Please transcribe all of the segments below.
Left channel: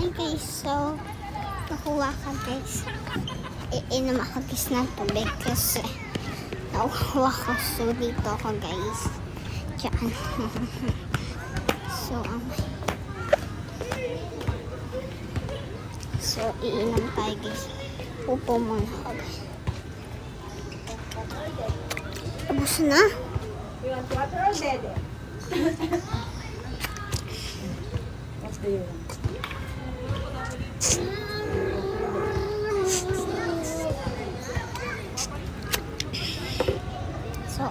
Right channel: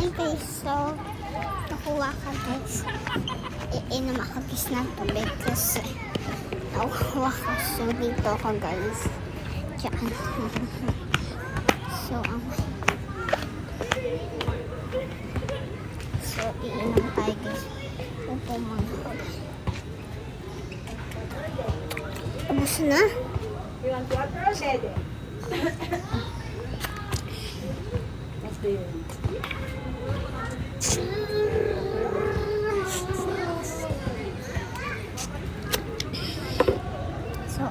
Ay guys, so nakuha ka guys. Iinom ako guys ng tubig kasi nakuha ko. So dito ako guys. Diyan. So iinom tayo guys. Upo muna ako guys. Tapos na. You want water or daddy? So,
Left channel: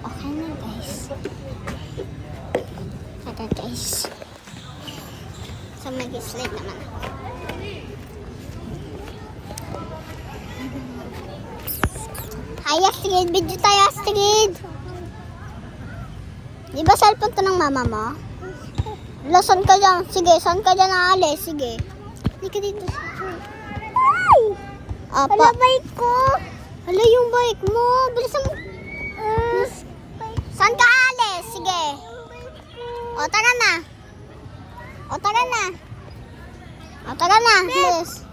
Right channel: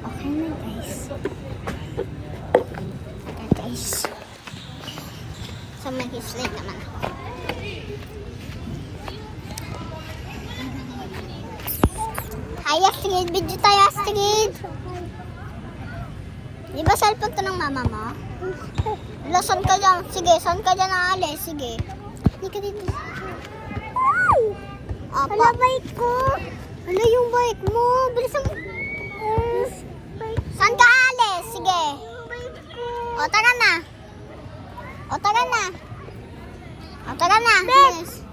okay na guys. Tara guys. So, mag-sleep naman ako. Hi Astrid! Video tayo Astrid! Di ba cellphone to ng mama mo? Hala, saan ka dyan? Sige, saan ka dyan aalis? Sige. Hindi ka dito. Apa. Hala, bike ko. Hala, yung bike mo. Bilisan mo. Saan ka aalis? Sige. O, tara na. O, tara na. O, tara na. Bilis.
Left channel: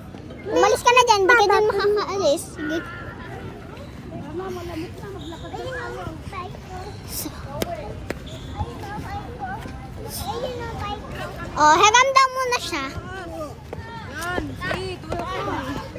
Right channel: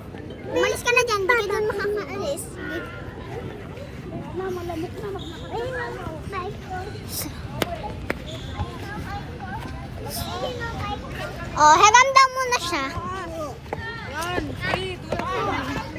Umalis ka na dyan. Hindi ka dyan makakaalis. Sige. Mama, lamok na maglakad. Ay, bike ko. Oh, haganda mo na siya. Yan, see, do it.